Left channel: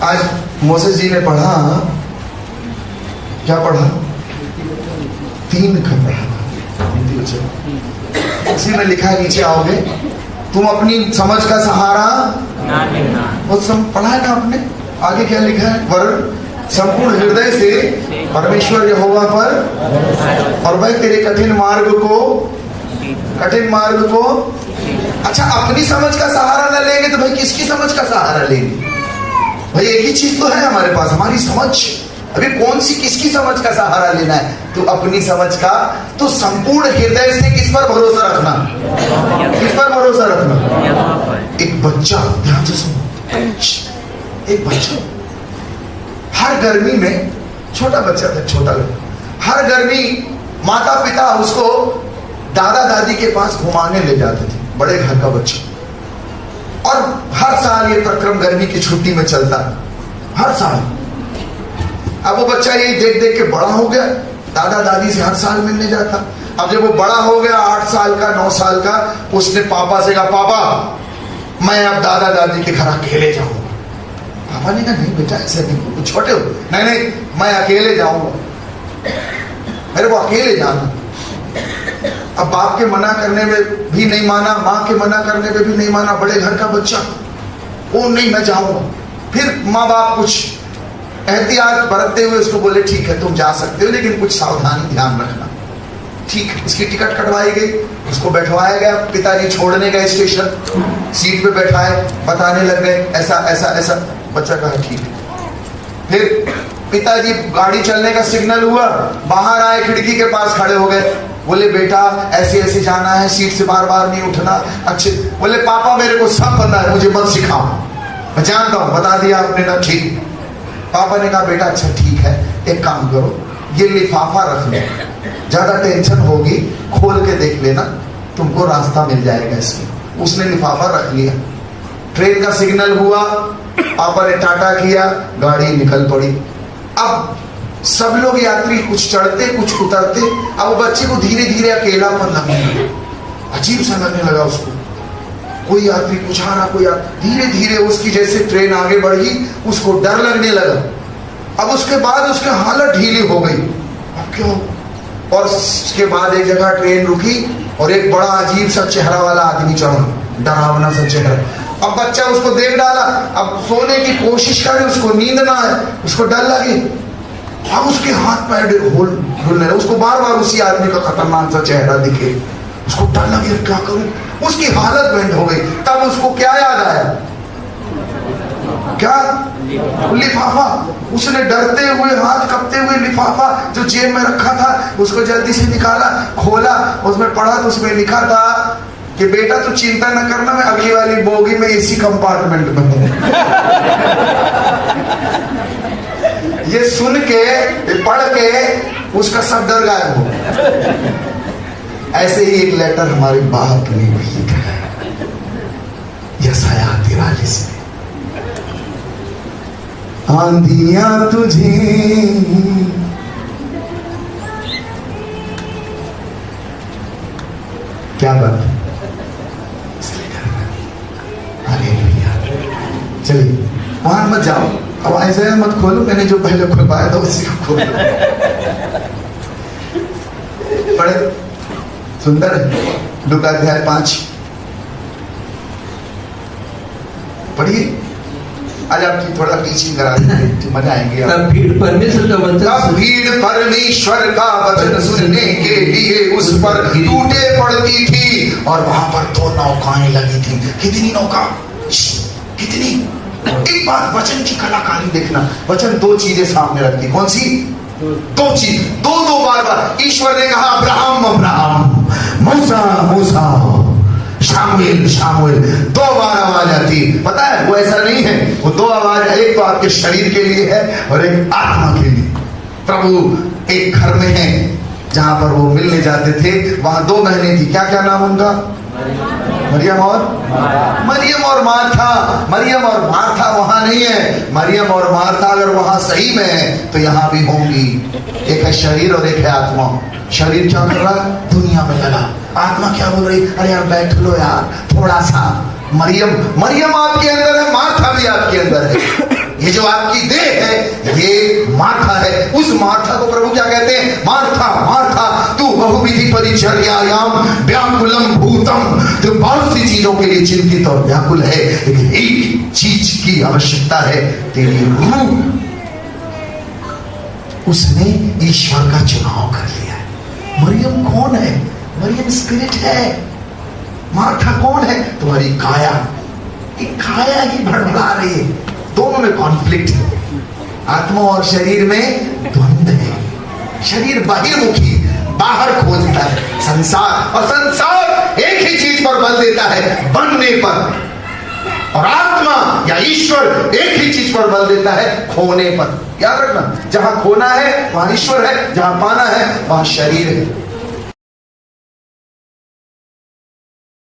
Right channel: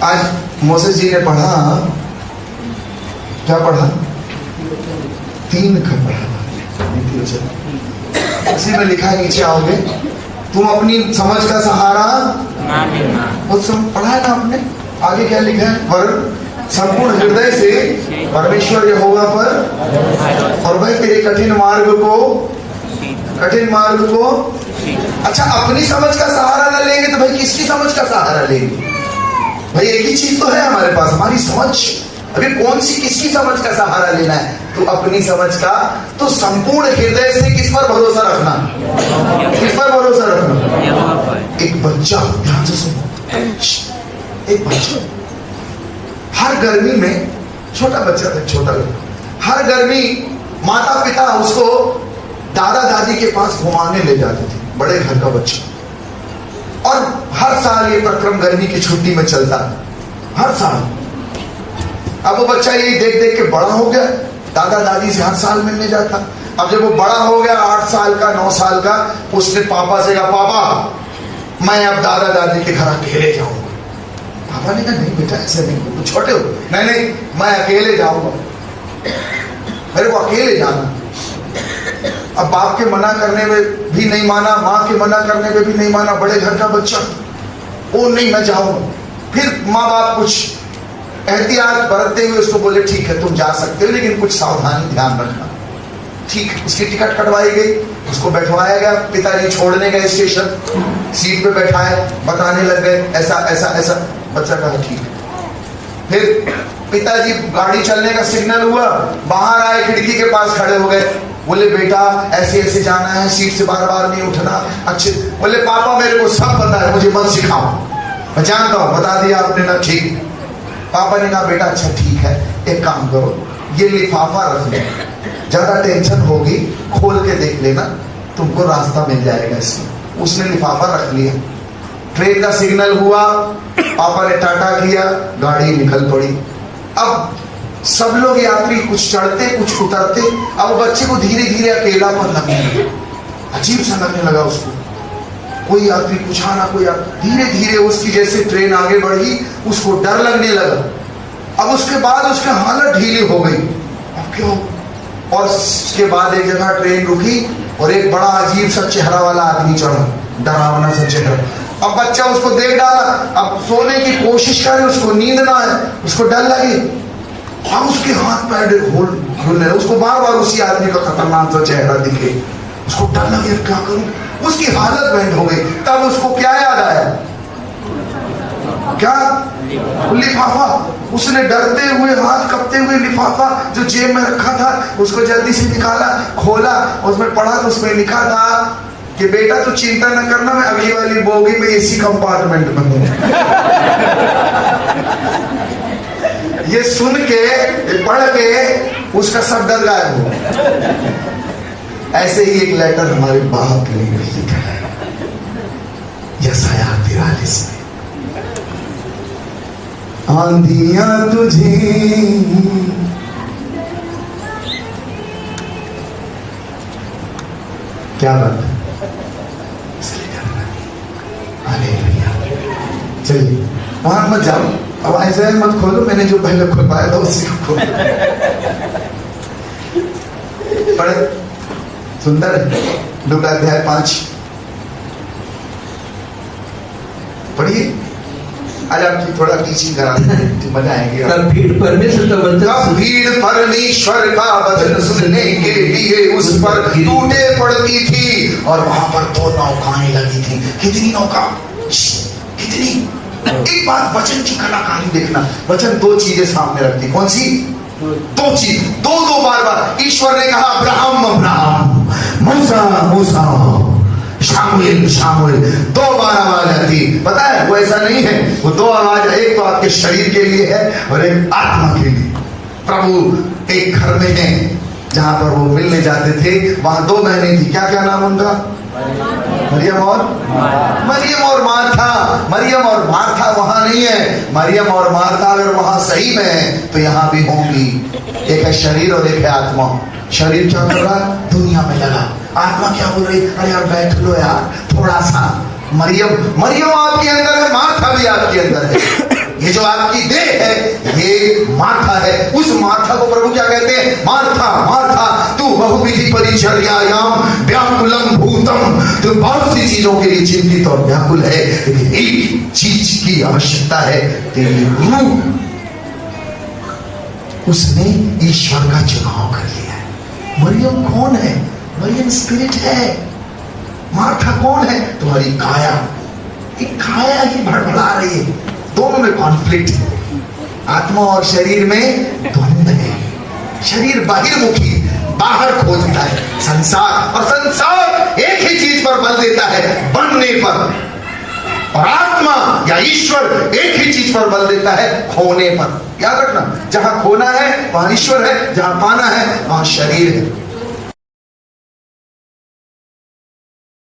आज मोसेस जी ने पढ़ा, क्या पढ़ा? 3 का पढ़ा। उसी में लिखा है, नीचे आओगे, तुम अपनी समझ का सहारा वो सब पढ़ा है ना आपने। आगे क्या लिखा है? वरन संपूर्ण हृदय से परमेश्वर यहोवा पर, और भाई तेरे कठिन मार्ग को अच्छा अपनी समझ का सहारा न लेंगे तो भाई किसकी समझ का सहारा लेंगे? भाई एक ही चीज तो है हमारे पास, हमारी समझ। अभी कौन सी किसकी समझ का सहारा लेना है? तो अपनी समझ का। तो संपूर्ण हृदय से किस पर भरोसा रखना? किस पर भरोसा रखना? एक बच्चा, ध्यान से सुनो, एक बच्चा हर गर्मी में, छोटा बच्चा था, छोटा, हर गर्मी माता पिता उसको दादा दादी के पास घुमाने ले जाते थे, बड़े घर का बच्चा। और हर साल ये प्रक्रम गर्मी की छुट्टी में चलता, हर साल। अब वो बच्चा यही देख देख के बड़ा हो गया, दादा दादी से हर साल मिलने जाता। अब जब वो बड़ा हो गया, 8 साल का, 9 साल का, उसने पापा से कहा, पापा मैं अब दादा दादी के घर अकेले जाऊंगा। पापा ने कहा, नहीं बेटा ऐसे नहीं, तुम छोटे हो। नहीं मैं अकेले जाऊंगा, मेरे को अकेले जाना। अब बाप के मना करने में भी नहीं माना, माँ के मना करने में भी नहीं माना, बड़े घर का बच्चा, वो नहीं मैं जाऊंगा। फिर माँ बाप कुछ एहतियात बरतते हुए उसको बोले, ठीक है तुम जा सकते हो, लेकिन कुछ सावधानी ध्यान रखना। ठीक, उसकी टिकट कटवाई गई, उसको बैठवाया गया, पिताजी छोड़ने गए स्टेशन, सीट पे बैठाए, बताने लग गए ऐसा ऐसा ऐसा। बच्चा कहा ठीक है। फिर पिताजी गाड़ी चलने का सिग्नल हुआ, बाहर आए, खिड़की के पास खड़े हो गए, बोले बेटा ऐसे ऐसे जाना है, सीट से बार बार नहीं उठना। अच्छे, बोले पापा मेरे को सब पता है, मुझे मत सिखाओ, मैं जानता हूं, बता दिया आपने ना। ठीक। पापा ने कहा बेटा अच्छा ठीक है, एक काम करो, ये लिफाफा रख ले, ज्यादा टेंशन होगी खोल के देख लेना, तुमको रास्ता मिल जाएगा इसमें। उसने लिफाफा रख लिया। ट्रेन का सिग्नल हुआ, पापा ने टाटा किया, गाड़ी निकल पड़ी। अब सब लोग यात्री कुछ चढ़ते कुछ उतरते। अब बच्चे को धीरे धीरे अकेलापन लगने लगा, अजीब सा लगने लगा उसको। कोई यात्री कुछ आना, कोई धीरे धीरे उसकी जैसे ट्रेन आगे बढ़ी, उसको डर लगने लगा। अब उसके बाद उसकी हालत ढीली हो गई। क्यों? और उसके बाद एक जगह ट्रेन रुकी और एक बड़ा अजीब सा चेहरा वाला आदमी चढ़ा, डरावना सा चेहरा। अब बच्चा उसको देख डाला, अब सोने की कोशिश करे, उसको नींद ना आए, उसको डर लगे। अब उसके हाथ पैर घूमने, उसको बार बार उसी आदमी का खतरनाक सा चेहरा दिखे, उसको डर लगे, क्या करूं? उसकी हालत बंद हो गई। तब उसको क्या याद आया? क्या? लिफाफा। उसने डरते हुए, हाथ कपते हुए लिफाफा जो जेब में रखा था उसको जल्दी से निकाला, खोला, उसमें पढ़ा तो उसमें लिखा था कि बेटा तू चिंता न करना, मैं अगली वाली बोगी में इसी कंपार्टमेंट में हूं। ये सुन के, पढ़ के उसका सब डर गायब हो गया। ऐसे ही एक लेटर हमारे बाप ने लिखा है, यशाया 43 में, आंधियां तुझे क्या बात है, चलिए वहां मत जाओ, अब ऐसे मत खोलो, मैंने जो पहले खुलवाया था उसी को खोलो। बड़े सुंदर है, लूका अध्याय 5 पढ़िए। आज आपकी थोड़ा टीचिंग करा तो मजा आएगी। तब भीड़ परमेश्वर का वचन सुनने के लिए उस पर टूटे पड़ती थी, और वहां पर 2 नौकाएं लगी थी। कितनी नौका? कितनी? एक बात वचन की कलाकारी देखना, वचन 2 चीजें सामने रखती। कौन सी? 2 चीज, दो बार बार ईश्वर ने कहा अब्राहम अब्राहम, मूसा मूसा, शामिल शामिल, 2 बार आवाज आती। पता है वो ऐसा नहीं है, वो 2 आवाज, एक तो आपके शरीर के लिए है और एक आत्मा के लिए। प्रभु एक घर में है जहां पर वो मिलने जाते थे, वहां 2 बहनें थी। क्या क्या नाम उनका? मरियम और मार्था। मरियम और मार्था वहां नहीं है, मरियम और मार्था अगर वहां सही में है तो यहाँ भी होंगी। एक है शरीर और एक है आत्मा। शरीर क्या कर रहा? दुनिया में लगा। आत्मा क्या बोल रही? अरे यार बैठ लो यार थोड़ा सा। मरियम आपके अंदर है, मार्था भी आपके अंदर है। ये जो आपकी देह है ये मार्था है। उस मार्था को प्रभु क्या कहते हैं? मार्था मार्था तू बहुविधि परिचर्यायाम व्याकुलम भूतम। तो बहुत सी चीजों के लिए चिंतित और व्याकुल है, लेकिन एक चीज की आवश्यकता है, तेरी रूह। उसने ईश्वर का चुनाव कर लिया। मरियम कौन है? मरियम स्पिरिट है। मार्था कौन है? तुम्हारी काया। काया ही भड़बड़ा रही है, दोनों में कॉन्फ्लिक्ट है। आत्मा और शरीर में द्वंद्व है। शरीर बाहिर्मुखी, बाहर खोजता है संसार, और संसार एक ही चीज पर बल देता है, बनने पर। और आत्मा या ईश्वर एक ही चीज पर बल देता है, खोने पर। याद रखना, जहां खोना है वहां ईश्वर है, जहां पाना है वहां शरीर है।